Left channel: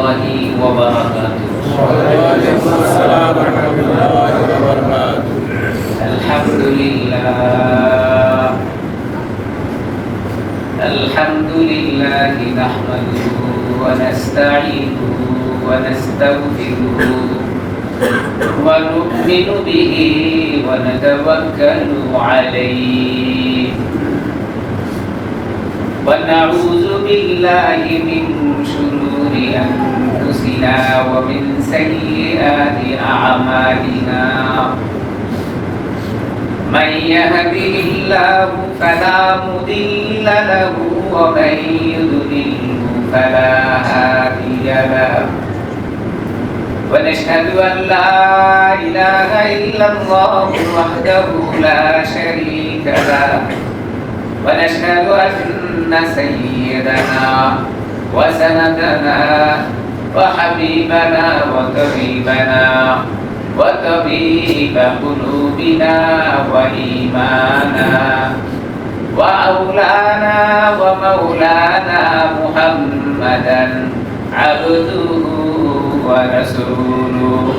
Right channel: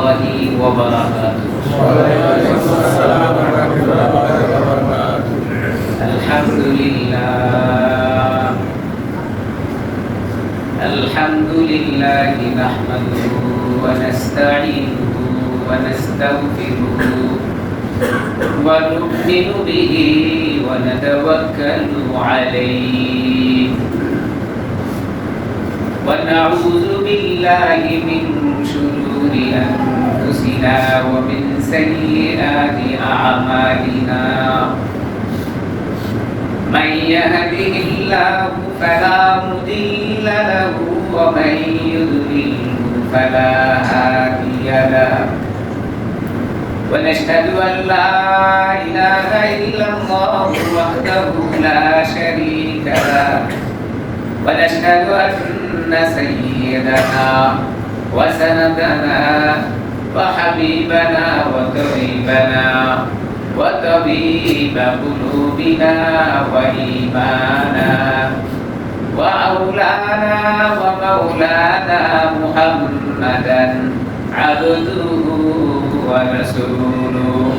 الله وبركاته. وعليكم السلام ورحمة الله وبركاته. الحمد لله نحمده ونستعينه ونستغفره ونؤمن به ونتوكل عليه ونعوذ بالله من شرور أنفسنا ومن سيئات أعمالنا من يهده الله فلا مضل له ومن يضلل فلا هادي له ونشهد أن لا إله إلا الله وحده لا شريك له ونشهد أن سيدنا وسندنا وحبيبنا وقريبنا وطبيب قلوبنا وإيمانا وأولانا ومولانا محمدا عبده ورسوله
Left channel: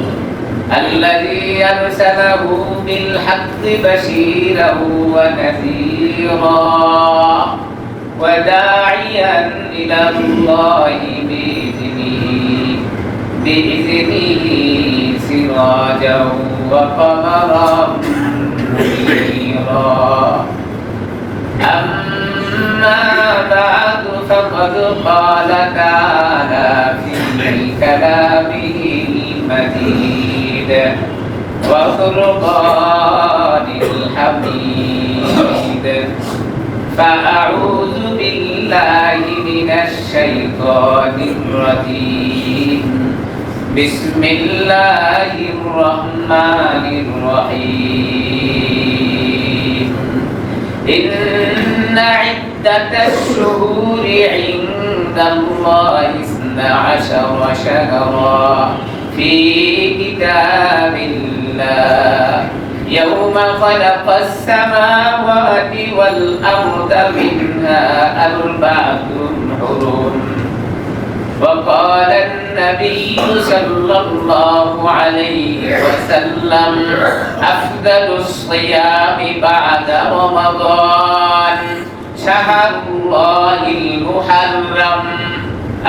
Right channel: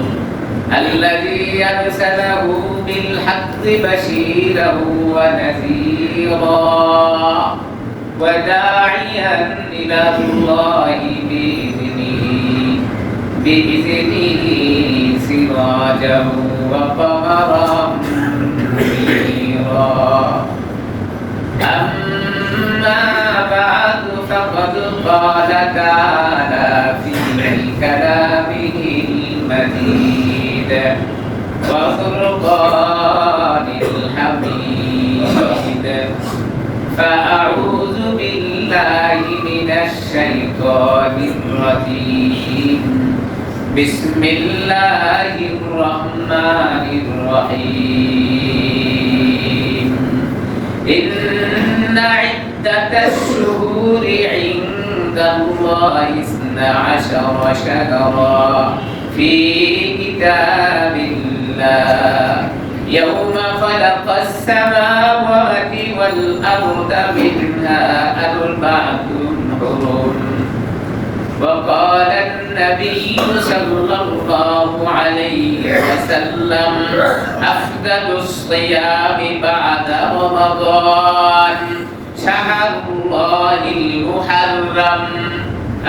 الذي أرسله بالحق بشيرا ونذيرا وداعيا إلى الله بإذنه سراجا وقمرا منيرا أما بعد فقد قال تعالى في كلامه المجيد وفرقان الحميد فأعوذ بالله من الشيطان الرجيم بسم الله الرحمن الرحيم إن عدة الشهور عند الله 12 شهرا في كتاب الله يوم خلق السماوات والأرض منها 4 حرم وقال النبي صلى الله عليه وسلم أفضل الصيام بعد رمضان شهر الله المحرم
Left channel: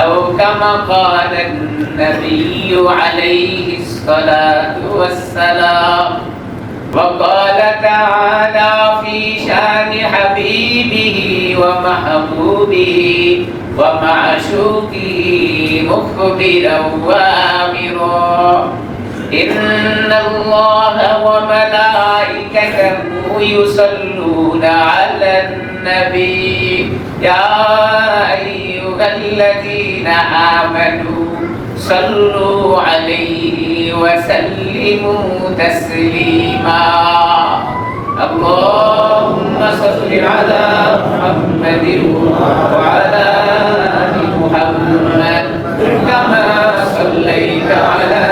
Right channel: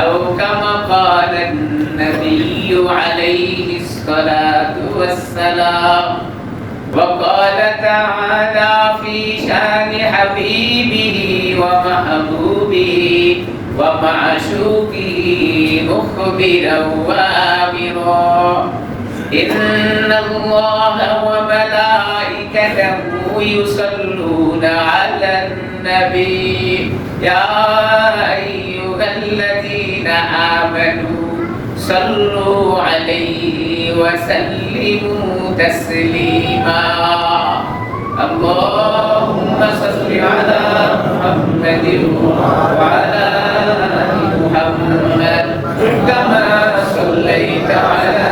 أو كما قال النبي عليه الصلاة والسلام وقال تعالى في شان حبيبه ومحبوبه ومعشوقه مخبرا وآمرا إن الله وملائكته يصلون على النبي يا أيها الذين آمنوا صلوا عليه وسلموا تسليما اللهم صل على محمد وعلى آل محمد كما صليت على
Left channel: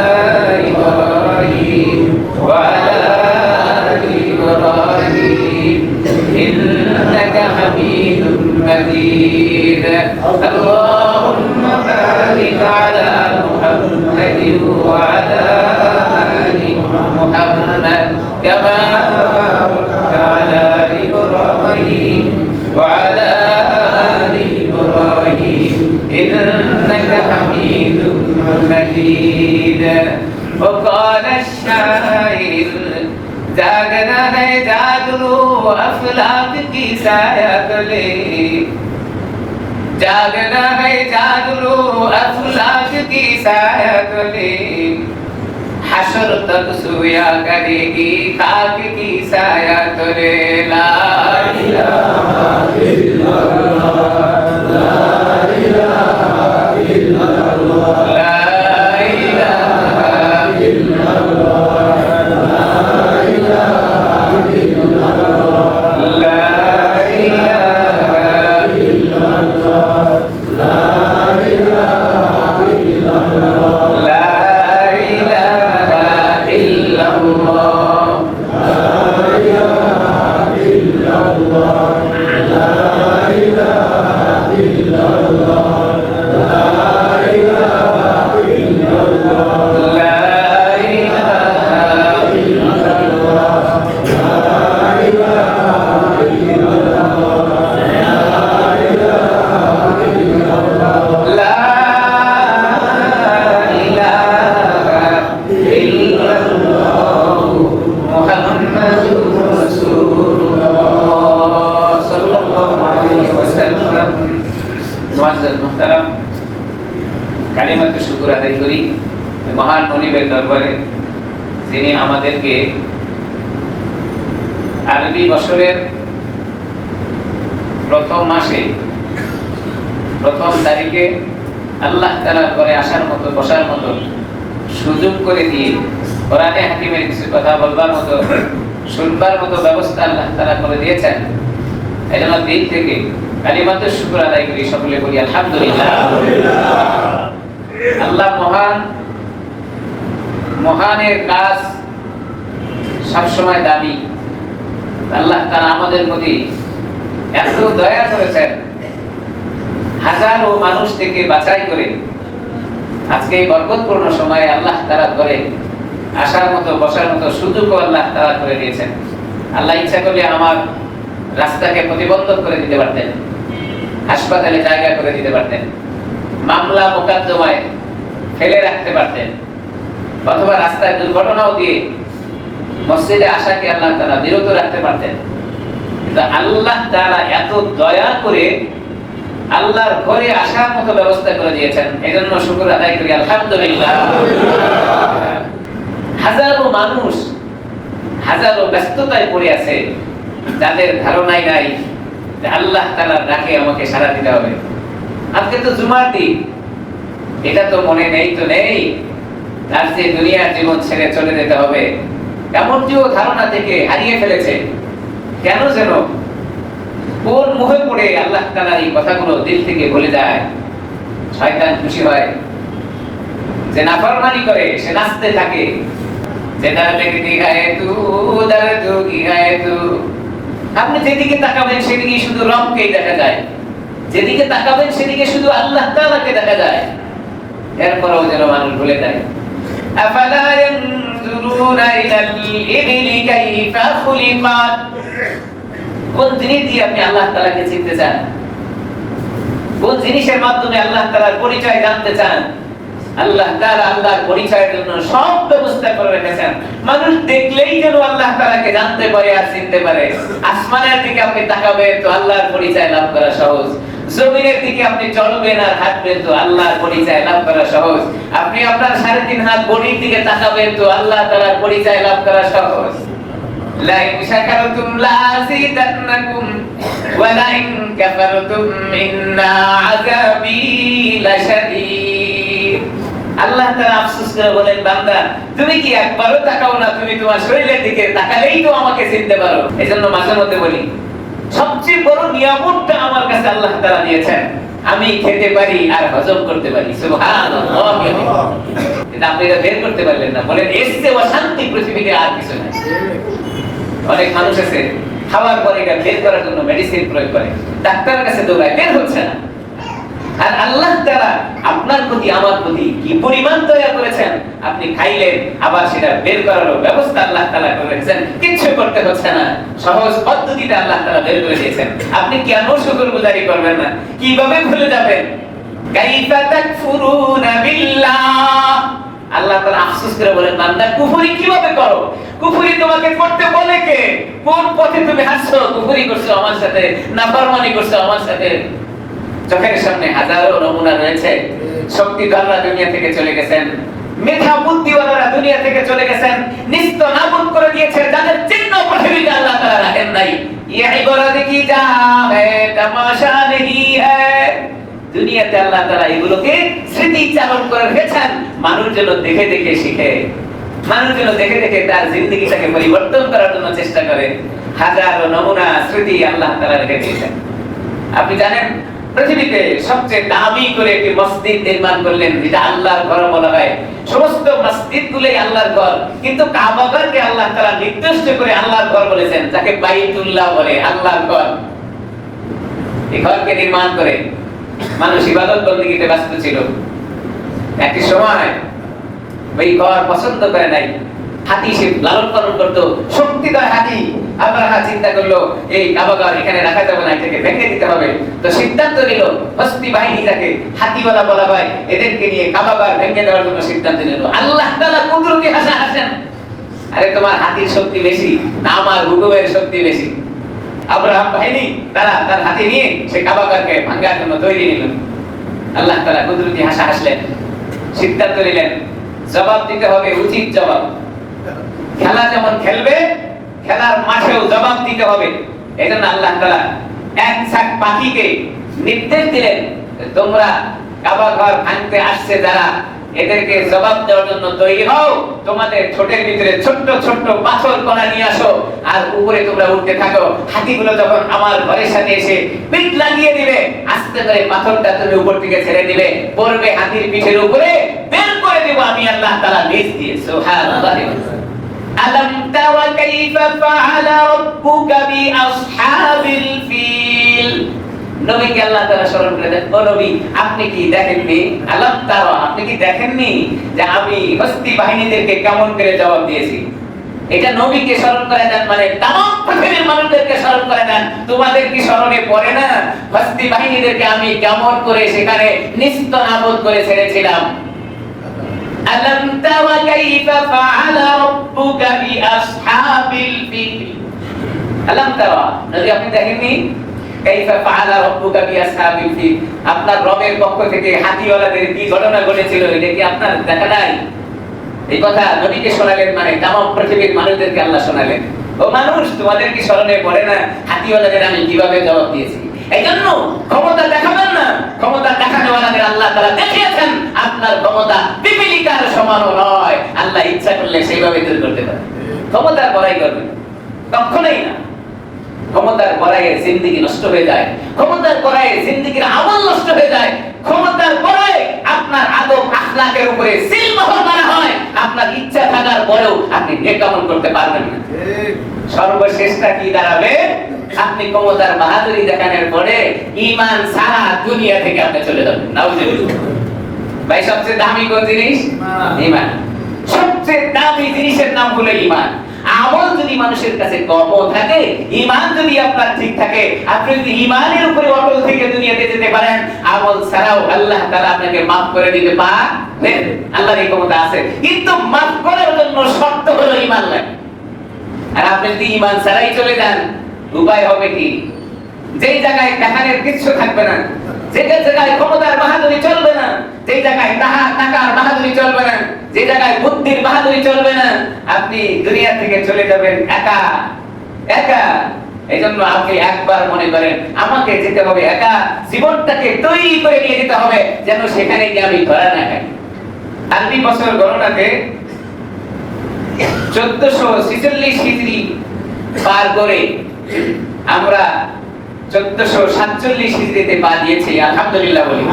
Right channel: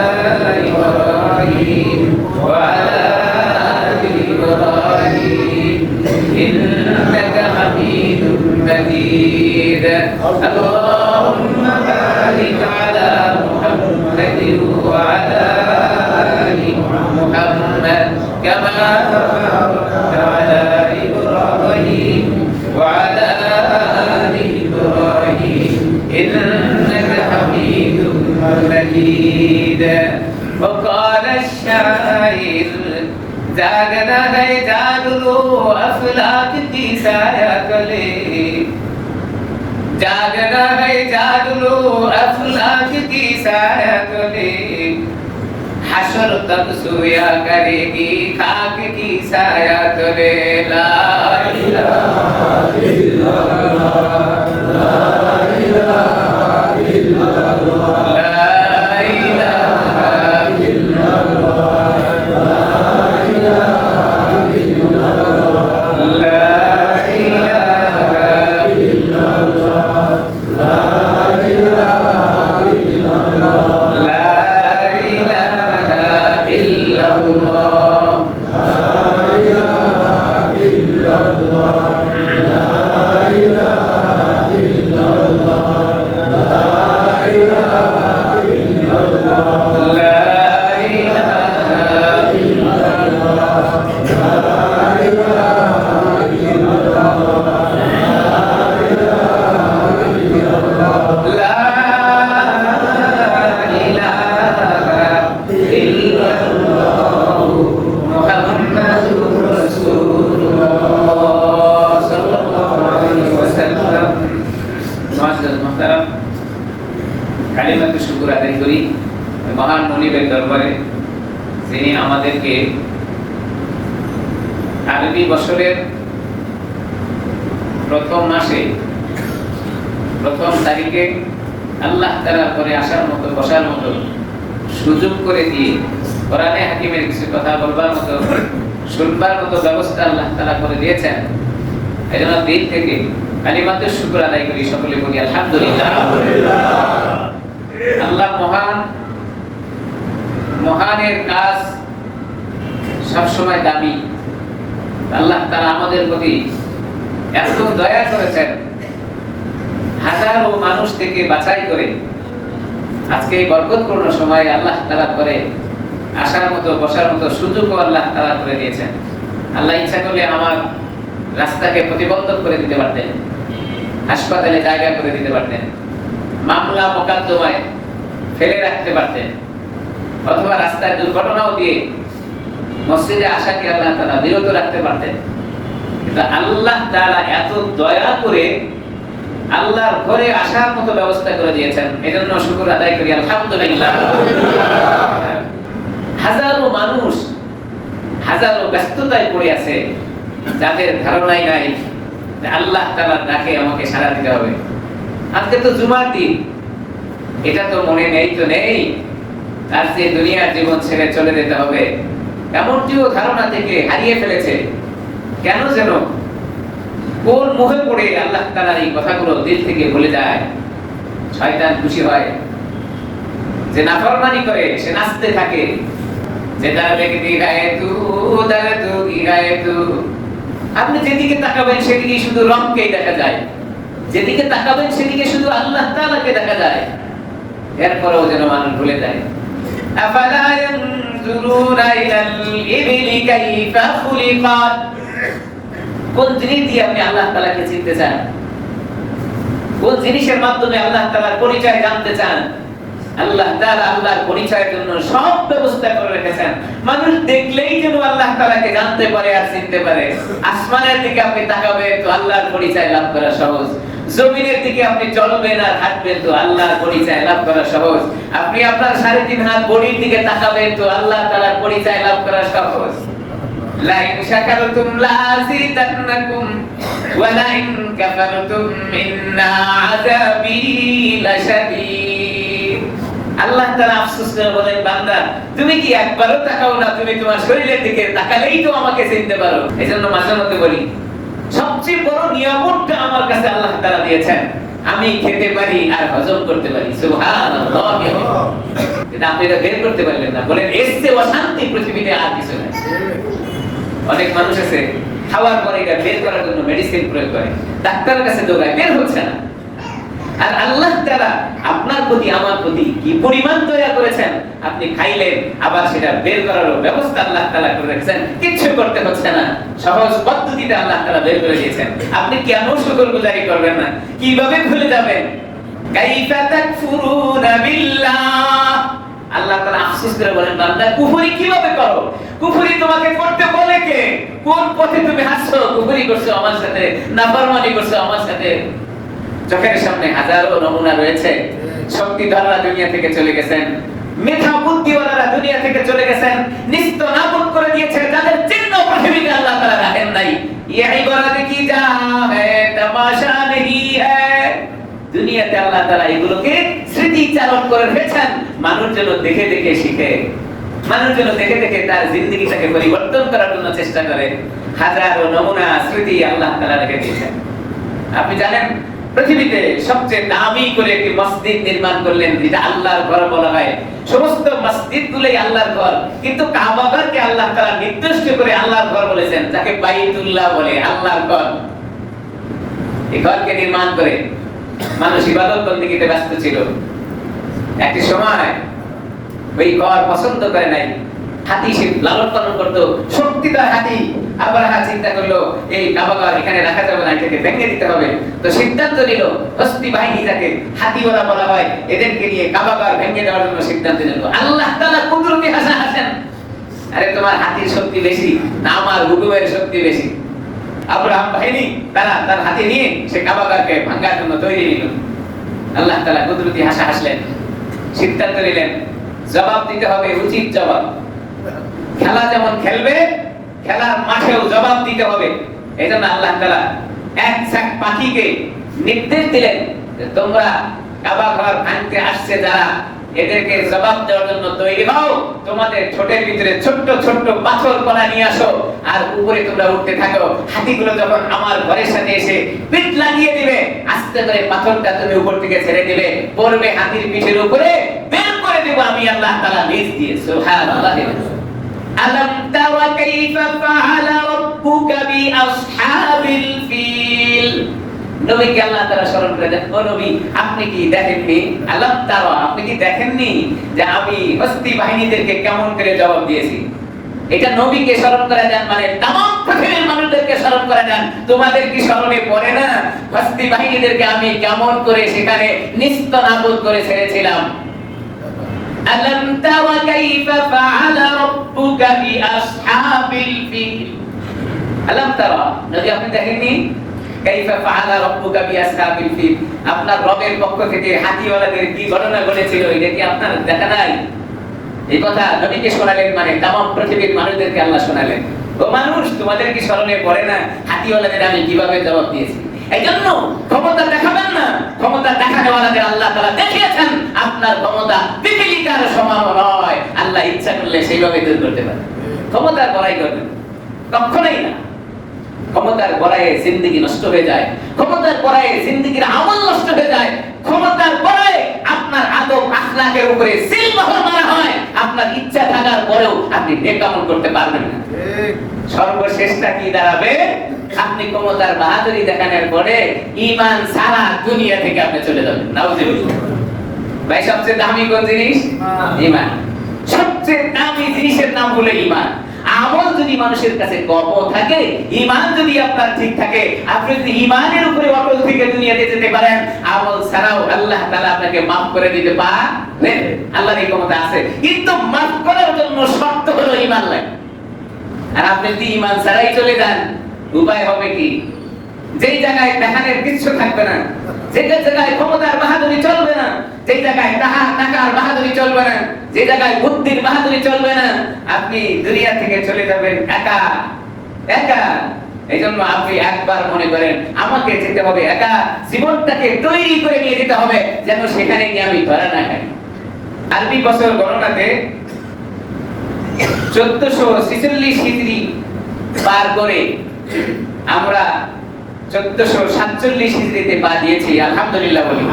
إبراهيم وعلى آل إبراهيم إنك حميد مجيد اللهم بارك على محمد وعلى آل محمد كما باركت على إبراهيم وعلى آل إبراهيم إنك حميد مجيد وقال الشاعر जागना है जाग लो अफलाक की साया तले जागना है जाग लो अफलाक की साया तले हशर तक सोया करेगी खाक की साया तले ला इलाहा इल्लल्लाह ला इलाहा इल्लल्लाह ला इलाहा इल्लल्लाह لا কালিমাতে শুকর আদায় করি মহান মনিবের দরবারে, যিনি আমাদেরকে আরবি বছরের প্রথম মাসে প্রথম তারিখে আল্লাহ তাআলা করে আসার মতো বসার মতো সুযোগ করে দিয়ে কোরআনে হাকিমের কিছু কথা বলবার মতো শুনবার মতো ব্যবস্থা আল্লাহ তাআলা করে দিয়েছেন। এজন্য দিল থেকে কালিমাতে শুকর আদায় করি, সকলে বলি আলহামদুলিল্লাহ। আল্লাহ মহান, মহানের কাজ সবসময় দামি। আল্লাহ তাআলা আমাদের প্রতি এত দয়া করেছেন, হাজারো মানুষ থেকে বাছাই করে আজকে এই বরকতপূর্ণ সময়ে আল্লাহ তাআলা করে আসার মতো বসার মতো সুযোগও আল্লাহ তাআলা করে দিয়েছেন। আল্লাহ ইচ্ছা করলে আমার রাস্তাকে প্রতিবন্ধক করে দিতে পারতেন, হাসপাতালে জায়গা করে দিতে পারতেন, মামলা মোকদ্দমায় ফেলে রাখতে পারতেন, অথবা রাস্তায় দুর্ঘটনাও দিয়ে মসজিদে আসাকে আল্লাহ তাআলা বিরত রাখতে পারতেন। কিন্তু আল্লাহ তাআলা এত দয়া করে আল্লাহর ঘরে আসার মতো ব্যবস্থা করে দিয়েছেন। এজন্য শুকর আদায় করি আলহামদুলিল্লাহ। হাজারো মানুষ হাজারো ব্যস্ততায় পড়ে আছে, যাদের ধারণাই নাই যে আল্লাহ তাআলার ডাকে আমাকে সাড়া দিতে হবে। আজকে তো জুমার দিন, এটা তো মনে নেই তো নেই, তার যে দুনিয়ার জীবন ছেড়ে চলে যেতে হবে এমনটিও ধারণা থেকে হারিয়ে ফেলেছে। কেন যেন কোন মোহে পড়ে আল্লাহ তাআলার এই কথাগুলো দিল থেকে ভুলে যায়। শয়তান খুশি হয়, যে নাফরমানি করে সে নাচতে থাকে, যে তার দেখতে গায়ে তু দার তু কি গায়ে তু। আপনি যেদিকে তাকাবেন সেদিকে শুধু রবকেই দেখা যায়, যেদিকে তাকাবেন সেদিকে শুধু আল্লাহ তাআলাকে দেখা যায়। এরপরও যেন মানুষ ভুলে যায়। আফালা ইয়ানজুরুনা ইলাল ইবলি কাইফা খুলিকাত। কোন জিনিস দিয়ে আপনি আল্লাহ তাআলাকে চিনতে চান? কোন জিনিসের মাধ্যমে আল্লাহ তাআলার পরিচয় জানতে চান? আল্লাহ তাআলা আল্লাহর পরিচয়ের জন্য সব ব্যবস্থা করে রেখেছেন। মানুষ দেখলেই যেন আল্লাহ তাআলাকে জানতে পারে আর চিনতে পারে। আসমানের দিকে আপনি তাকাবেন তো আল্লাহর পরিচয় লাভ করা সহজ। জমিনের দিকে আপনি চলবেন আর হাঁটবেন তো আল্লাহর পরিচয় লাভ করা সহজ। আপনি আপনার 3.5 হাত বডির দিকে তাকাবেন তো আল্লাহ তাআলার পরিচয় লাভ করা সহজ। লা ইন শাকারতুম লা আযীদান্নাকুম ওয়া লা ইন কাফারতুম ইন্না আযাবী লাশাদীদ। আল্লাহ তাআলা আফসোস করে বলেন, বান্দা তুমি কি একবারও তাকাও না? তুমি তোমার শরীরের দিকে তাকালেই তো আমাকে চিনতে পারো। এজন্য মাঝে মধ্যে বলি, সবচেয়ে বড় নিয়ামতটা আমার কাছে আল্লাহ তাআলা দিয়েছেন, আমি খেতে পারি আর হজম করতে পারি। সুবহানাল্লাহ। এটা আপনি এটা বের করতে পারলেন না, বলেন এর চেয়ে অশান্তি পৃথিবীতে আর কিছু নেই। অনেক মানুষ আছে খাওয়ার পরে এটা বের করার জন্য মেডিসিন প্রয়োগ করে, ডাক্তারের কাছে দৌড়ায়, বের হচ্ছে না। আর আল্লাহ তাআলা আপনার প্রতি আমার প্রতি কি পরিমাণ দয়া করেছেন, আপনি খাইলেন আবার সেটা বের করার ব্যবস্থা আল্লাহ তাআলা করে রেখেছেন। কিচ্ছু করতে হচ্ছে না, সহজ পদ্ধতিতে আল্লাহ তাআলা বের করে দিয়েছেন। আপনি কেন শুকরগুজারি করবেন না? কিভাবে ভুলে যাবেন? কাইফা তাকফুরুনা বিল্লাহ। আল্লাহ তাআলা আফসোস করে বলেন, বান্দা কুফরি কিভাবে করো? কুফরি তোমাকে করতে বলে কে? কোন পথে তুমি হাসছো? কুফরি করছো আমার সাথে, নাফরমানি করছো আমার সাথে। চোখের সামনে হাজারো নমুনা রয়েছে। শক্তিধররা দুনিয়া থেকে চলে গেছেন, মেধা বুদ্ধিওয়ালারা দুনিয়া থেকে চলে গেছেন, নিস্ত নাবুদ করে দিয়েছে যাদের চিহ্ন পৃথিবীতে আল্লাহ তাআলা রাখেন নাই। ইয়ে ইবারত কি যা হ্যায় তামাশা নেহি হ্যায়। দুনিয়াতে আল্লাহ তাআলা এগুলোকে স্মৃতিচারণ করে রেখেছেন, মানুষ যেন দেখে দেখে শিখে, মানুষ যেন দেখে দেখে তার জিন্দেগিটাকে পরিবর্তন করার জন্য চেষ্টা করে। হাজারো নমুনা স্মৃতি আল্লাহ তাআলা রেখে দিয়েছেন। আপনি জানেন পৃথিবীতে সবচেয়ে দামি করে একটি মসজিদ নির্মাণ করলেন, যেটা আল্লাহর ঘর বলা হয়। সমস্ত মসজিদগুলোই আল্লাহর ঘর, কিন্তু কাবাকে আল্লাহ তাআলা নির্দিষ্ট করে আল্লাহর ঘর বলেছেন, যাকে বাইতুল্লাহ বলে, আল্লাহর ঘর। এই ঘরকে নির্মাণ করে মানুষ ইবাদত বন্দেগীতে ব্যস্ত ছিল। একটি সময় ওই ঘর পছন্দ করে নাই, হাতি সে লালন পালন করতো, শক্তিধর হাতি। আব্রাহা চিন্তা করলো এই কাবাঘর এখানে রাখা যাবে না, এটাকে ভেঙে দিতে হবে। তো সিদ্ধান্ত নিল, হস্তি বাহিনী যাকে হাতিওয়ালা বলা হয়, এদেরকে নিয়ে কাবাঘর ভেঙে দেওয়ার জন্য সিদ্ধান্ত নিল। আল্লাহ তাআলা কুদরতি হাসেন, আরে তোমার হাতির শক্তি বেশি না আমার হুকুমের শক্তি বেশি? আব্রাহাম বাহিনী তারা তার হাতি নিয়ে সে কাবাঘরকে ভাঙার জন্য তৈরি নিল। আল্লাহ তাআলা কুদরতি হাসলেন। সিদ্ধান্ত নিলেন জবাব দিতে হবে, উচিত জবাব। খেলা যেমন খেলবে, খেলার মাঠেও জবাব দিতে হবে। এজন্য আল্লাহ তাআলা এক ঝাঁক পাখিকে নির্দেশ দিলেন, তোমরা কাবা ঘর ভাঙতে আসছে যারা, এদেরকে জবাব দেওয়ার জন্য তৈরি হও। তোমাদের ঠোঁটের ভিতরে ছোট্ট ছোট্ট পাথর কণা নিয়ে আসো, আর উপরে তোমরা উঠতে থাকো। হাতিগুলো যখন আমার ঘরের সাথে এসে পিঠ লাগিয়ে দিবে, আস্তে করে পাথরটা তুমি উপর থেকে ছেড়ে দিবে, পড়বে হাতির পিঠের উপরে, বের করে দেব আমি আল্লাহ তাআলা নিজ দিয়ে। সুবহানাল্লাহ। আলাম তারা কাইফা ফাআলা রাব্বুকা বিআসহাবিল ফিল। নবীকে আল্লাহ তাআলা স্মরণ করে দেন, ও নবী আপনি কি দেখেননি, আলাম তারা আপনি কি দেখেননি যে আমি হস্তি বাহিনীদেরকে কেমন করে জবাব দিয়েছি। এটা নবীকে স্মরণ করে দেন মানে तमाम পৃথিবীর মানুষদেরকে স্মরণ করে দেন। তোমাদের কি স্মরণে পড়ে না হস্তি বাহিনীদেরকে আমি কেমন করে সেখানে নিস্তনাবুদ করে ছেড়েছিলাম। আলাম তারা কাইফা ফাআলা রাব্বুকা বিআসহাবিল ফিল। আলাম তারা নবী আপনি দেখেননি কাইফা ফাআলা রাব্বুকা বিআসহাবিল ফিল, আপনার রবের পক্ষ থেকে হাতিওয়ালাদের কি ঘটনা ঘটেছিল, এটা কি আপনার দেখা নাই? এই কথা নবীকে শোনালেন মানে तमाम পৃথিবীর মানুষদেরকে আল্লাহ শোনালেন, ও মানুষ তোমাদের কি স্মরণে পড়ে না হাতিওয়ালাদের আমি কিভাবে জবাব দিয়েছি। এইজন্য ক্ষমতা দেখাবেন না, ক্ষমতা দেখানোওয়ালাদের আল্লাহ তাআলা দেখিয়েছেন আপনার ক্ষমতা পিপীলিকার সমান নয়। আল্লাহ ইচ্ছা করলে সেইভাবে দূর করতে পারে। ক্ষমতার বড়াই করবেন কখনোই না। ক্ষমতার বড়াইয়ে জিন্দেগি নষ্ট হয়ে যায়, ক্ষমতার বড়াইয়ে জিন্দেগির আমল নষ্ট হয়ে যায়, ক্ষমতার বড়াইয়ে আপনার আদব আখলাকের উপরে সিলমোহর মারা হয়। আপনার ইচ্ছা থাকার পরেও আপনি নেক আমল করতে পারবেন না। সর্বশেষটা কি দাঁড়াবে? আপনি ক্ষমতার বাহাদুরি দেখানোর পরে ঈমান সারা দুনিয়া থেকে আপনি চলে যাবেন। নাউজুবিল্লাহ। ভাই সবচেয়ে দামি কোন জিনিস? ঈমান। সবচেয়ে দামি জিনিসের নাম হলো ঈমান। আমল যদি মানুষের কাছে কম থাকে, ঈমান যদি আপনার ঠিক থাকে, আপনি যদি ঈমানের উপরে অটল থেকে দুনিয়াতে যেতে পারেন, আমল ছাড়াও আল্লাহ তাআলা আপনাকে maaf করে দিতে পারেন। আল্লাহর এই ক্ষমতা আছে, কিন্তু maaf করার জন্য শর্ত হলো ঈমান লাগে। আর আপনি যদি ঈমান ছাড়াই চলে যান, উপায় হবে কি? যেই জায়গায় দেখানোর কিছু থাকবে না, যে জায়গায় ক্ষমতার বাহাদুরি চলবে না, যে জায়গায় টাকার বাহাদুরি চলবে না, যে জায়গায় বুদ্ধির বাহাদুরি চলবে না, আপনি দুনিয়া থেকে চলে যাবেন একা একা। এইজন্য আপনি একবার মনে করেন আমাকে যেতে হবে একা, জীবনটাকে তৈরি করে নিয়ে যেতে হবে যেন সেখানে গিয়ে আমি ধরা না খাই। আরবি বছর গণনাতে 1446 হিজরি পার করে আমরা 1447 হিজরিতে পা দিয়েছি। আলহামদুলিল্লাহ বলি।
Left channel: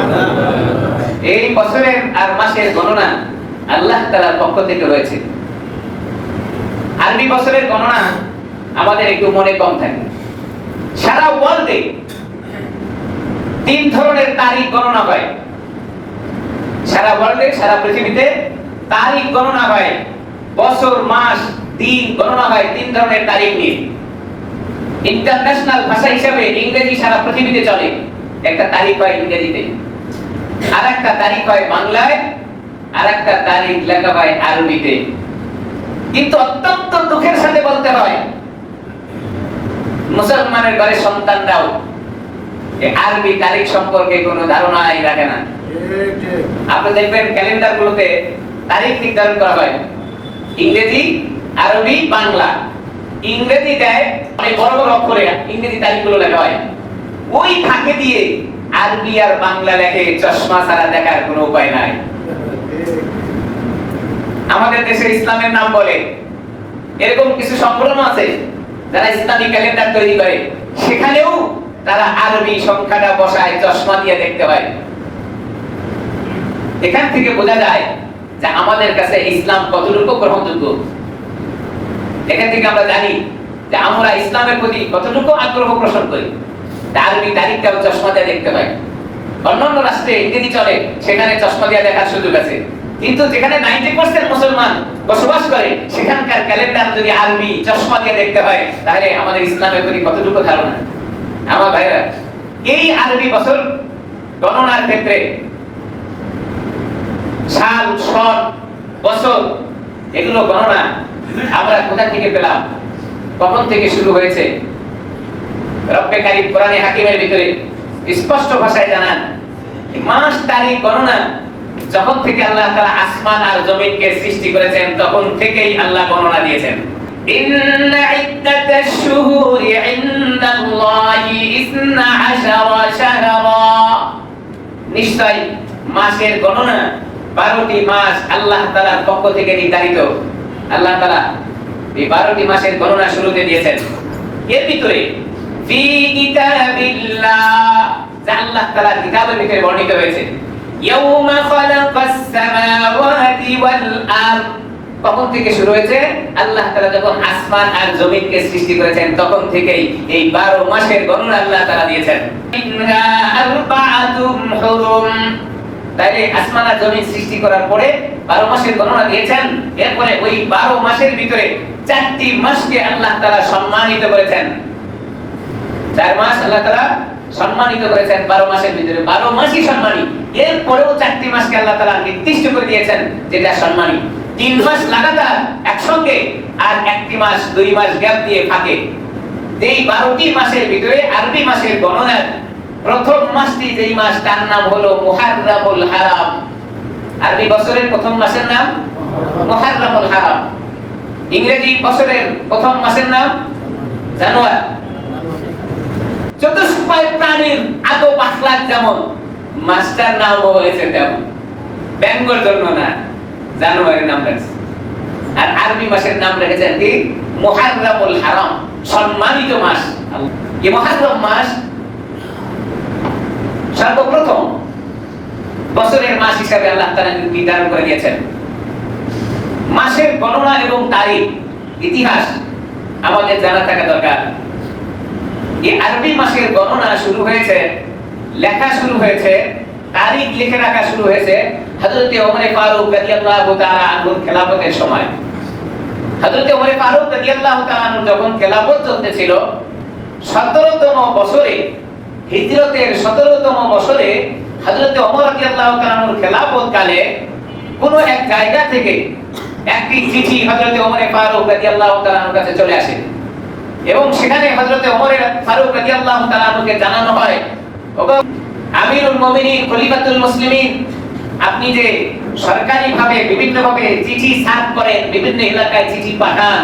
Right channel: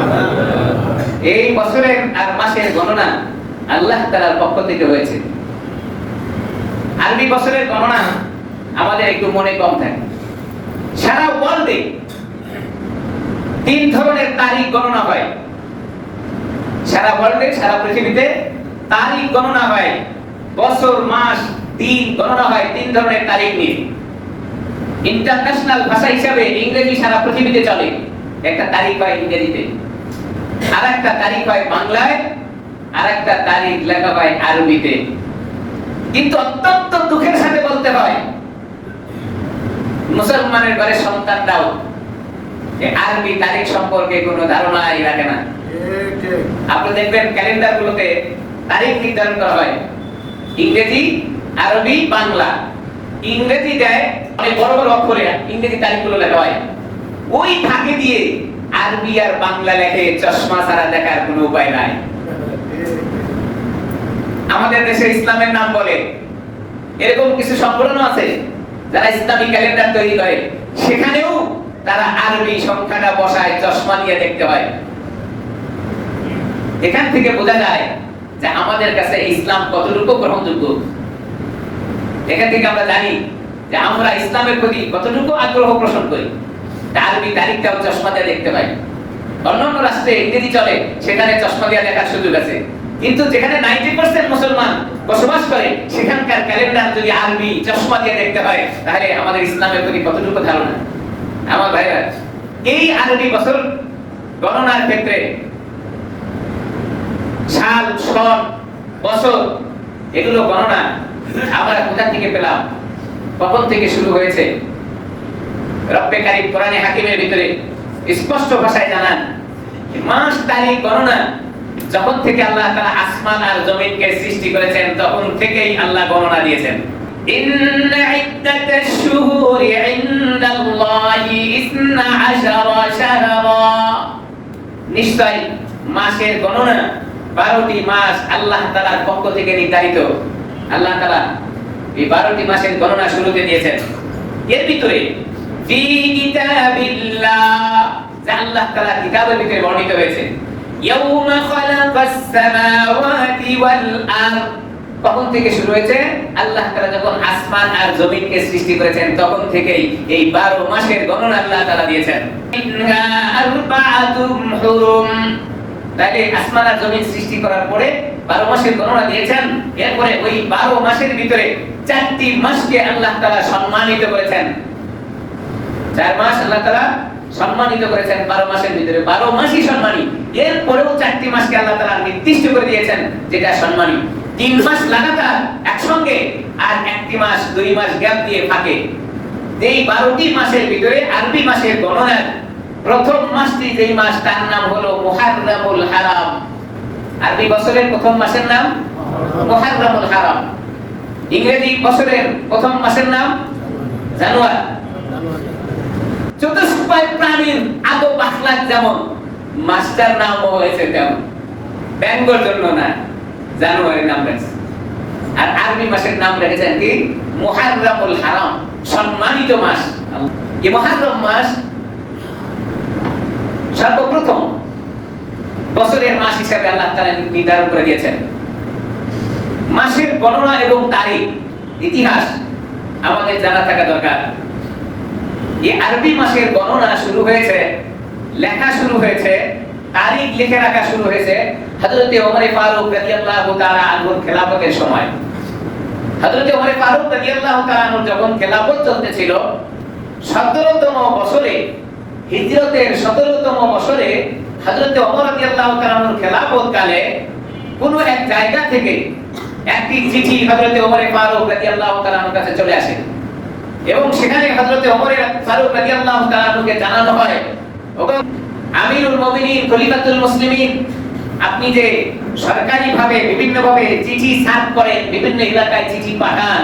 এই বছরের আর মাসের গণনা আল্লাহ তাআলার পক্ষ থেকে হয়েছে। আরবি বছরের গণনা আমাদের একটু মনে কম থাকে। সারা ওয়ার্ল্ডে 3 ধরনের তারিখ গণনা হয়। সারা ওয়ার্ল্ডে, সারা পৃথিবীতে তারিখ গণনা হয়, বছর মাস দিন গণনা হয় 3 ধরনের তারিখ নিয়ে। ইন্টারন্যাশনাল ভাষা হিসেবে ইংরেজি সারা পৃথিবীতে চলে। একটা তারিখ হয় ইংরেজিতে, আরেকটা তারিখ হয় বাংলায়, আরেকটা তারিখ লেখা হয় আরবিতে। কিন্তু অত্যন্ত দুঃখের সাথে বলতে হয় মুসলমানের ঘরে সন্তানরাও এই আরবি তারিখ সম্পর্কে কোনো ধারণাই রাখে না। আপনি দেখবেন ক্যালেন্ডার গুলোতে তারিখ নির্ধারণ করা হয় ইংরেজি, আরবি, বাংলা। ইংরেজি দেয় অনেক বড় বড় অক্ষরে ইংরেজি তারিখগুলো লেখা হয়, ওই ফাঁকে দিয়ে আরবি আর বাংলা লেখে চশমা ছাড়া দেখার কোনো উপায় নাই। আমাদের দেশে ইসলামের নাম বলে এরকম কিছু সংগঠন আছে যারা ইসলামী ক্যালেন্ডার তৈরি করে, সেখানেও তারা আরবি সংখ্যাটা বসায়, চশমা দিয়ে দেখতে হয়। এখান থেকে বোঝা যায় যে আমাদের কাছে ইসলাম কতটুকু গ্রহণযোগ্য। এখান থেকে আমরা জানি যে আমরা ইসলামের প্রতি কতটুকু আগ্রহ পোষণ করি। আরবি তারিখটাও চশমা দিয়ে দেখতে হয়। অন্যান্য রাষ্ট্রে ইংরেজি চলে, সেখানে চশমা দিয়ে দেখার সুযোগ আছে, কিন্তু যেখানে 90% মুসলমান বসবাস করে সেখানকার ক্যালেন্ডার যদি আরবি চশমা দিয়ে দেখতে হয়, তাহলে আমাদের ইসলামের প্রতি কতটুকু ধারণা। আমার ভাইরা, এই আরবি বছর গণনার ক্ষেত্রে সাল, সন, বছর এগুলো গণনা আমরা কোথা থেকে পেলাম, কখন থেকে শুরু হয়েছে? রব্বে কারীম কোরআনে হাকিমের ভিতরে স্পষ্ট ভাষায় জানান মাস তারিখ গণনা যখন থেকে আল্লাহ তাআলা আসমান আর জমিনকে সৃষ্টি করেছেন তখন থেকেই আল্লাহ গণনা দিয়েছেন। ইন্না ইদ্দাতাশ শুহুরি ইনদাল্লাহি 12 শাহরা, নিশ্চয় মাসের গণনা 12টি মাস আল্লাহ তাআলার পক্ষ থেকে নির্ধারিত। আল্লাহ তাআলা এই 12টি মাসের গণনা শুরুতে দিয়েছেন। এর ভিতরে ফি কিতাবিল্লাহ, যা আল্লাহ তাআলার কিতাবের ভিতরে বর্ণিত হয়েছে, ইয়াউমা খালাকাস সামাওয়াতি ওয়াল আরদ, তখন থেকে শুরু হয়েছে। আল্লাহ তাআলা যখন আসমান আর জমিনকে সৃষ্টি করেছেন তখন থেকেই এই 12 মাসের গণনা আল্লাহ তাআলা দিয়েছেন। ইন্না আরবাআতুম হুরুম, তাই আসমান আর জমিন সৃষ্টি করার পরে 12 মাসের গণনা দিয়েছেন। এরপরে ওই 12 মাসের ভিতরে 4টি মাসকে আল্লাহ তাআলা সম্মানিত করেছেন। 4 মাস আল্লাহ তাআলা সম্মানিত করেছেন 12 মাসের ভিতরে, 12 মাসই সম্মানী। এরপরেও 4টি মাসকে আল্লাহ তাআলা নির্দিষ্ট করে দিয়েছেন যেটা সম্মানী। 3 মাস লাগাতার একসঙ্গে আর 1টি মাস 2 মাস গ্যাপ দিয়ে ফাঁকে। এই 12টি মাসের ভিতরে আরবি মাসের গণনার প্রথম মাসটি যেই মাস তার নাম হলো মুহাররামুল হারাম। আরবি বছরের প্রথম মাসের নাম মুহাররামুল হারাম। ইংরেজি বছরের প্রথম মাসের নাম জানুয়ারি। চতুষ্পদ প্রাণীর আদব আখলাক যেমন, মাসটার নাম হয়েছে তেমন। বেঙ্গল জন্য না, জানুয়ারি নাম রেখেছে। আর আরবি মাসের নাম রেখেছেন কি? মুহাররামুল হারাম, সম্মানিত মাস। এই মুহাররম মাস সর্বপ্রথম বছরের মাস হিসাবে আল্লাহ তাআলা নির্ধারণ করে দিয়েছেন। মাসের গণনা এবং তারিখ ইতিহাস আমাদের জানা থাকা দরকার। এই আরবি মাসের গণনা শুরু হয়েছে, লেখা শুরু হয়েছে, তারিখ লিখে রাখা শুরু হয়েছে হযরত ওমর ফারুক রাদিয়াল্লাহু তাআলা আনহুর খেলাফতের সময়। হযরত ওমর ফারুক রাদিয়াল্লাহু তাআলা আনহু যখন খেলাফত চলতেছিল 17তম বছরে, হিজরতের 17তম বছরে হযরত ওমর রাদিয়াল্লাহু তাআলা আনহুর খেলাফত কালে কোন এক জায়গা থেকে একটি চিঠি হযরত ওমর ফারুক রাদিয়াল্লাহু তাআলা আনহুর কাছে চলে আসে এবং সেখানে হযরত ওমর ফারুক রাদিয়াল্লাহু তাআলা আনহুকে জানানো হয়, ওগো আমিরুল মুমিনিন খলিফাতুল মুসলিমিন, আপনি যে সরকারিভাবে বিভিন্নভাবে চিঠি সার্ভ করেন, বিভিন্ন এলাকায় চিঠি পাঠান,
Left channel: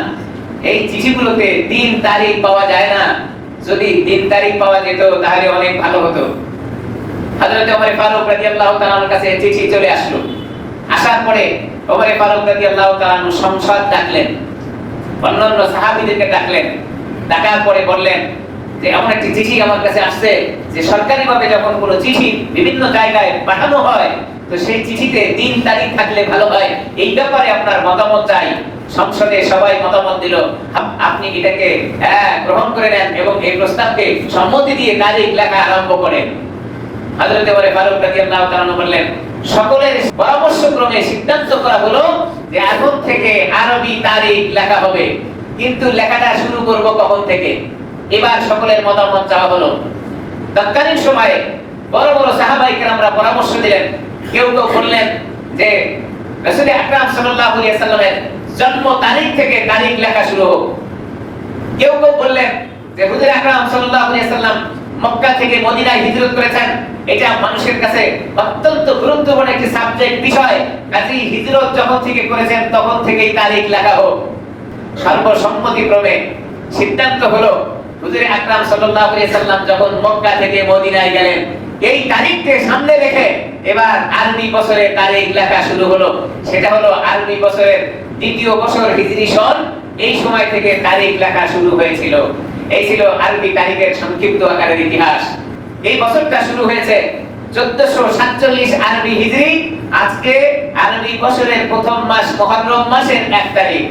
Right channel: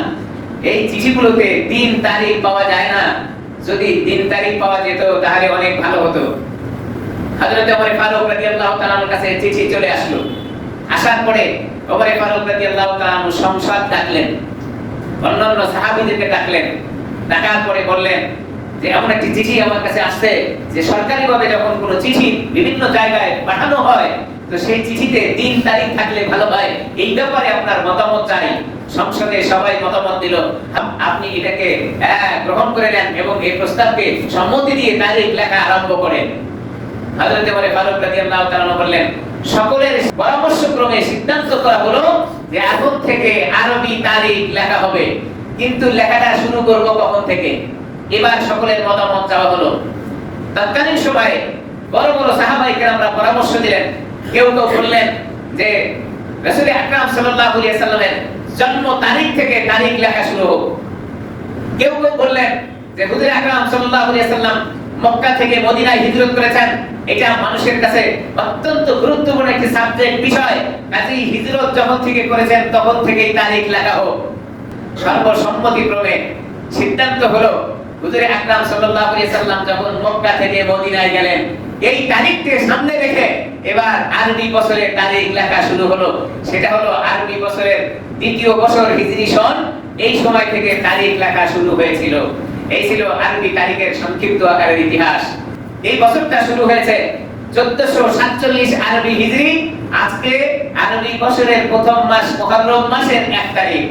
এই চিঠিগুলোতে দিন তারিখ পাওয়া যায় না। যদি দিন তারিখ পাওয়া যেত তাহলে অনেক ভালো হতো। হযরত ওমর ফারুক রাদিয়াল্লাহু তাআলা আনহুর কাছে চিঠি চলে আসলো। আসার পরে ওমর ফারুক রাদিয়াল্লাহু তাআলা আনহু সংসদ ডাকলেন, অন্যান্য সাহাবীদেরকে ডাকলেন। ডাকার পরে বললেন যে এমন একটি চিঠি আমার কাছে আসছে যে সরকারিভাবে যখন কোনো চিঠি বিভিন্ন জায়গায় পাঠানো হয় তো সেই চিঠিতে দিন তারিখ থাকলে ভালো হয়। এই ব্যাপারে আপনার মতামত চাই। সংসদে সবাই মতামত দিল, আপনি এটাকে গ্রহণ করে নেন এবং এই প্রস্তাবকে সম্মতি দিয়ে তারিখ লেখা আরম্ভ করেন। হযরত ওমর ফারুক রাদিয়াল্লাহু তাআলা বললেন, সকলের পরামর্শক্রমে সিদ্ধান্ত করা হলো যে এখন থেকে আরবি তারিখ লেখা হবে, কিন্তু লেখাটা শুরু করব কখন থেকে। এবার সকলের মতামত চাওয়া হলো। তৎকালীন সময়ে বড় বড় সাহাবায়ে কেরামরা পরামর্শ দিলেন। কেউ কেউ বললেন যে রাসূল আকরাম সাল্লাল্লাহু আলাইহি সাল্লামের জন্ম তারিখ থেকে তারিখ লেখা শুরু হোক। কেউ কেউ বললেন যে হুজুর আকরাম সাল্লাল্লাহু আলাইহি সাল্লাম মক্কা থেকে মদিনায় হিজরত করেছেন, এটা মানুষের কাছে অত্যন্ত গুরুত্বপূর্ণ একটি সাবজেক্ট বিষয়, কাজেই হিজরত যখন থেকে করেছেন তখন থেকেই তারিখ লেখা হোক। সর্বসম্মতিক্রমে সিদ্ধান্ত হলো হুজুর আকরাম সাল্লাল্লাহু আলাইহি সাল্লাম যখন মক্কা থেকে মদিনায় গেলেন এই তারিখকে সামনে রেখে এবার আরবি বছরের তারিখ লেখা শুরু হলো। সেটা হলো আরবি বছরের দ্বিতীয় বছর হিজরি সন। এই সময় থেকে তারিখ লেখা শুরু হয়েছিল। এই ছিল আরবি তারিখের সংক্ষিপ্ত আকারের ইতিহাস। এই বছরটা শুরু হয়েছে 1447 আরবি হিজরি। আজকে আরবি বছরের প্রথম মাস মুহররম মাসের 1 তারিখ।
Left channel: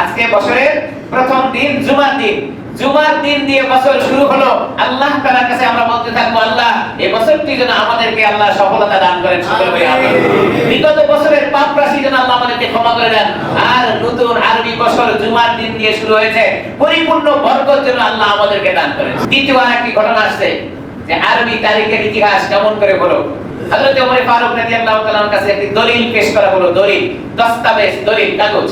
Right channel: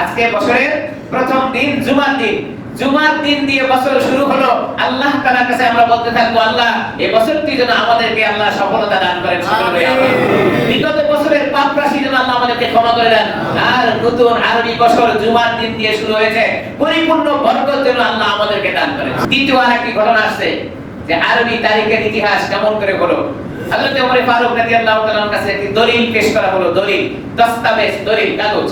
আজকে বছরের প্রথম দিন জুমার দিন। জুমার দিন দিয়ে বছর শুরু হলো। আল্লাহ তাআলার কাছে আমরা বলতে থাকবো, আল্লাহ এই বছরটি যেন আমাদেরকে আল্লাহ সফলতা দান করেন। আমিন। বিগত বছরের পাপ রাশি যেন আল্লাহ আমাদেরকে ক্ষমা করে দেন। আর নতুন আরবি বছর জুমার দিন দিয়ে শুরু হয়েছে, পরিপূর্ণ বরকত যেন আল্লাহ আমাদেরকে দান করেন। দ্বিতীয় আরেকটি ঘটনা আসছে যে আরবি তারিখের ইতিহাস কেমন করে হলো। হযরত ওমর ফারুক রাদিয়াল্লাহু তাআলার কাছে একটি দলিল পেশ করা হলো, দলিল, দস্তাবেজ, দলিল, কাগজ।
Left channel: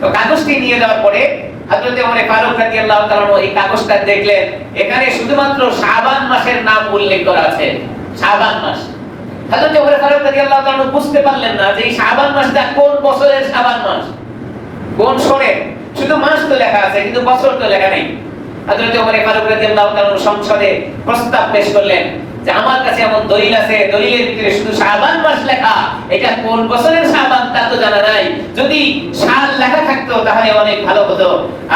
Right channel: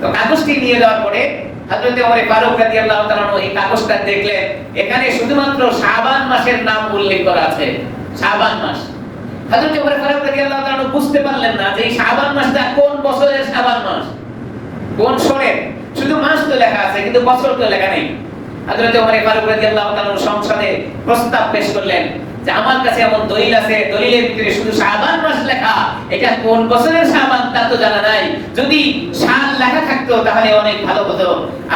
তো কাগজটি নিয়ে যাওয়ার পরে হযরত ওমর ফারুক রাদিয়াল্লাহু তাআলা এই কাগজটা দেখলেন, এখানে শুধুমাত্র শাবান মাসের নাম উল্লেখ করা আছে। শাবান মাস। হযরত ওমর ফারুক রাদিয়াল্লাহু তাআলা বুঝতে পারলেন না যে এই শাবান মাসটা কোন বছরের শাবান মাস, কোন সনের, শুধু মাস তো লেখা আছে কিন্তু বছর তো লেখা নেই। হযরত ওমর ফারুক রাদিয়াল্লাহু তাআলা সংসদে প্রস্তাব পেশ করলেন যে আমার কাছে এমন দলিল আছে, দলিলের ভিতরে শুধু শাবান মাস লেখা, এটা কোন বছরের শাবান তা তো জানা নাই, যদি সাল লেখা থাকতো তাহলে অনেক ভালো হতো।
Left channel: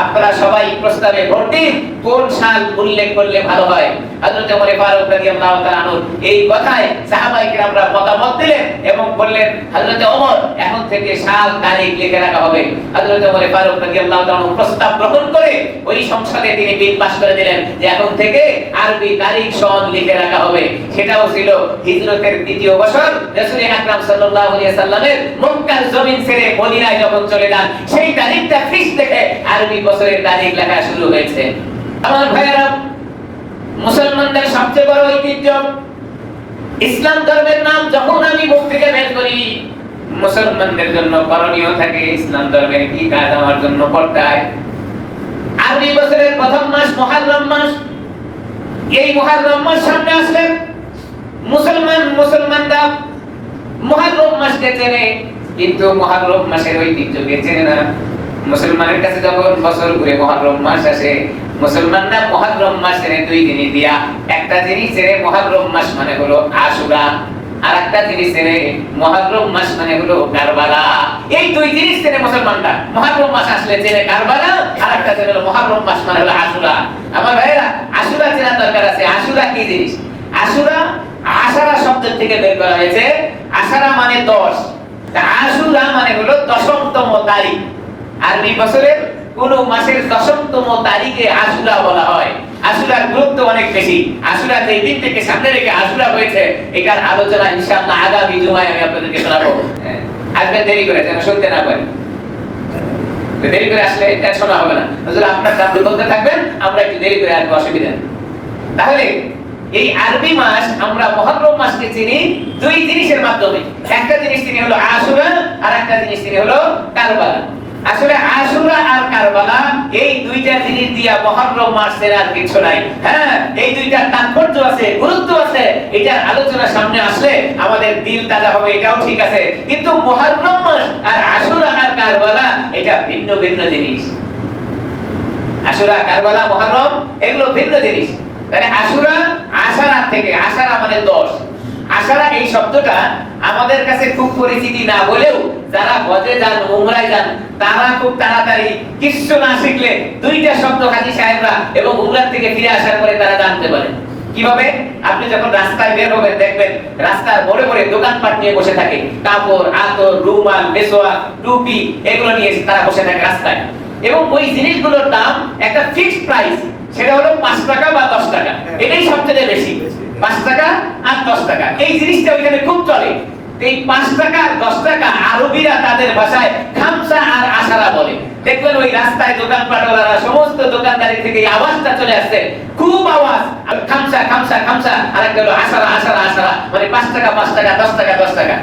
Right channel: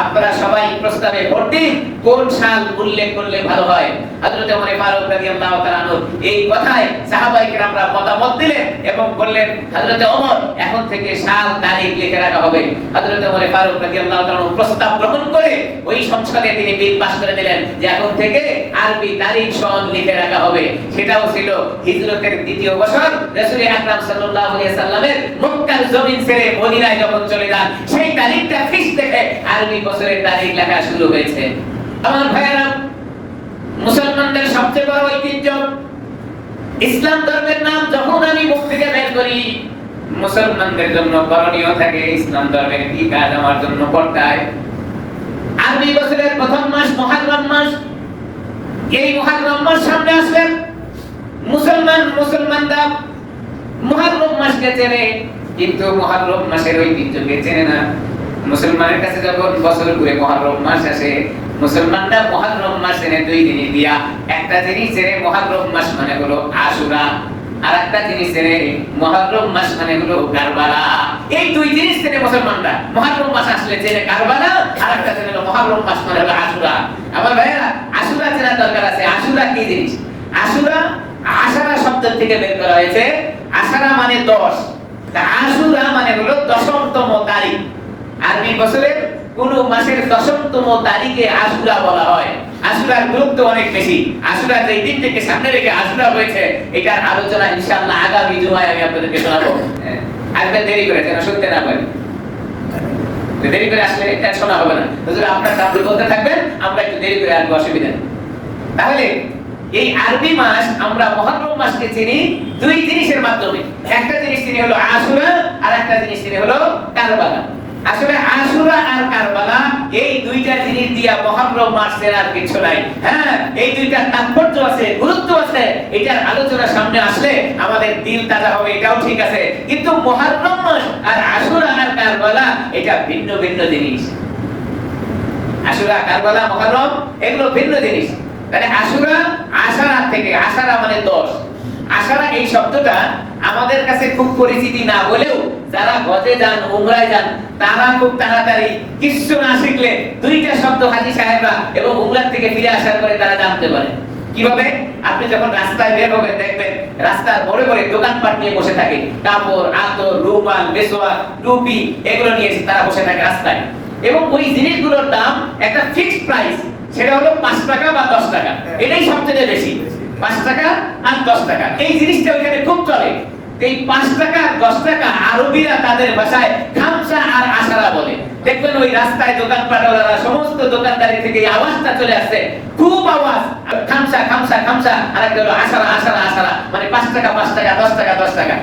আপনারা সবাই প্রস্তাবে ভোট দিন কোন সাল উল্লেখ করলে ভালো হয়। হযরত ওমর ফারুক রাদিয়াল্লাহু তাআলা এই কথায় সাহাবায়ে কেরামরা মতামত দিলেন এবং বললেন হযরত ওমর এখন থেকে সাল তারিখ লিখে রাখা হবে। হযরত ওমর ফারুক রাদিয়াল্লাহু তাআলা প্রস্তাব গ্রহণ করে ওই সংসদে তিনি বিল পাস করে দিলেন যে এখন থেকে আরবি তারিখ সন লিখে রাখা হবে। সেটাও ছিল হিজরতের দ্বিতীয় বছর, রাসূল আকরাম সাল্লাল্লাহু আলাইহি সাল্লামের মক্কার জমিন ছেড়ে মদিনায় যখন চলে যান সেই তারিখটা ফিক্স দেখে আরবি বছরের তারিখ লেখা শুরু হয়েছে। আমার ভাইয়েরা, মুসলমানদের সবচেয়ে বড় ঐতিহ্য ইসলাম ধর্মের নাম যখন আমি মুখ থেকে বের করি মুসলমানদের জন্য করণীয় থাকে ইসলাম ধর্মের কি কাজ আমার জন্য করতে হয়। আরবি বছরের প্রথম মাস মুহররম মাস। এই মুহররম মাস সামনে আসলে মুসলমানরা মুহররম মাসকে চেনে কিন্তু মুহররম মাসের ঐতিহ্যকে চেনে না। মুসলমানের কাছে যখন বছর ঘুরে মুহররম মাস আসে মুসলমানরা মুহররম মাসের দুই জিনিস দিয়া, একটা জিনিস চেনে মুহররম মাস মানে হলো আশুরা, আর একটা জিনিস চেনে মুহররম মাস মানে হলো কারবালা। এই দুই জিনিস চেনে মুসলমানরা। মুহররম মাস আসলে চেনে কারবালা, আর একটা চেনে মুহররম মাস মানে হলো আশুরা। আমার ভাইয়েরা, আশুরা চেনা দরকার আছে। আশুরা কি জিনিস? আশুরা আশারা শব্দ থেকে বের করা হয়েছে। আশারা মানে 10, আশুরা মানে হলো দশমতম তারিখ। আরবি বছরের কোন মাসের দশমতম তারিখে আশুরা বলা হয়। আশুরার গুরুত্ব অনেক বেশি। আশুরা যেই দিন থেকে সামনে রেখে আশুরা হয়েছে এটার আলোচনা ইনশাআল্লাহ আগামী জুমায় আমি আপনাদেরকে শোনাবো। আসবেন দেরি করে, যেন শুনতে না পারি। দেরি করে আসলে এটা শোনা হবে না। হুজুর আপনার সামনে বলতে থাকবেন, আমরা একটু দেরি করে আসবো, অসুবিধা নেই। তাহলে এই আরবি মাস আমরা মুহররম মাসকে চিনি দুই জিনিসের মাধ্যমে। একটা জিনিস চিনি হলো আশুরা, আর একটা জিনিস চিনি হলো কারবালা। আসলে আশুরা আর কারবালা এই দুইটা জিনিস দিয়া মুহররম মাসের আর কিছু নাই। হ্যাঁ, এই দুইটা তাৎপর্য আছে, গুরুত্ব আছে। এটার আলোচনা সামনে আসলে আমাদের দিল তাজা হবে, এটাও ঠিক আছে। কিন্তু মুহররম মাস আর আশুরা আর কারবালা এটা ভিন্ন ভিন্ন জিনিস। আশুরা, কারবালা, মুহররম এগুলো ভিন্ন জিনিস। তাহলে আশুরা আশারা থেকে, আশারা মানে 10। আশারা এই শব্দটা আমাদের কাছে খুব পরিচিতি না হলেও যারা হজে যান, উমরায় যান তারা খুব তাড়াতাড়ি কিছু না শিখলে দুইটা শব্দ হাজী সাহেবরা এবং উমরা থেকে ফিরে আসার পরে তারা জানতে পারে। কিভাবে? আপনি যখন রাস্তায় বের হবেন দেখবেন রাস্তার মোড়ে মোড়ে দোকানপাট নিয়ে বসে থাকে, কাপড়, আতর, রুমাল, বেসোয়া, টুপি এগুলো নিয়ে তারা বসে থাকে রাস্তায়। এবং ওই জিনিসগুলোর দাম একটা ফিক্সড প্রাইস, সেটা হলো 5 টাকা বা 10 টাকা। এটাই সবচেয়ে বেশি, 5 টাকা আর 10 টাকা। এই জিনিসটা ওইখানে খুব চলে। এই 5 টাকা আর 10 টাকা আরবিরা তাদের ভাষায় খামসা আর আশারা বলে। দেখবেন ওই রাস্তায় দোকানপাটওয়ালারা সমস্ত দোকানদারি থেকে এই আওয়াজটা চলে আসছে, খুব আওয়াজ, খামসা খামসা খামসা, আর একটা হলো আশারা আশারা আশারা, মানে 5 টাকা 5 টাকা, 10 টাকা 10 টাকা।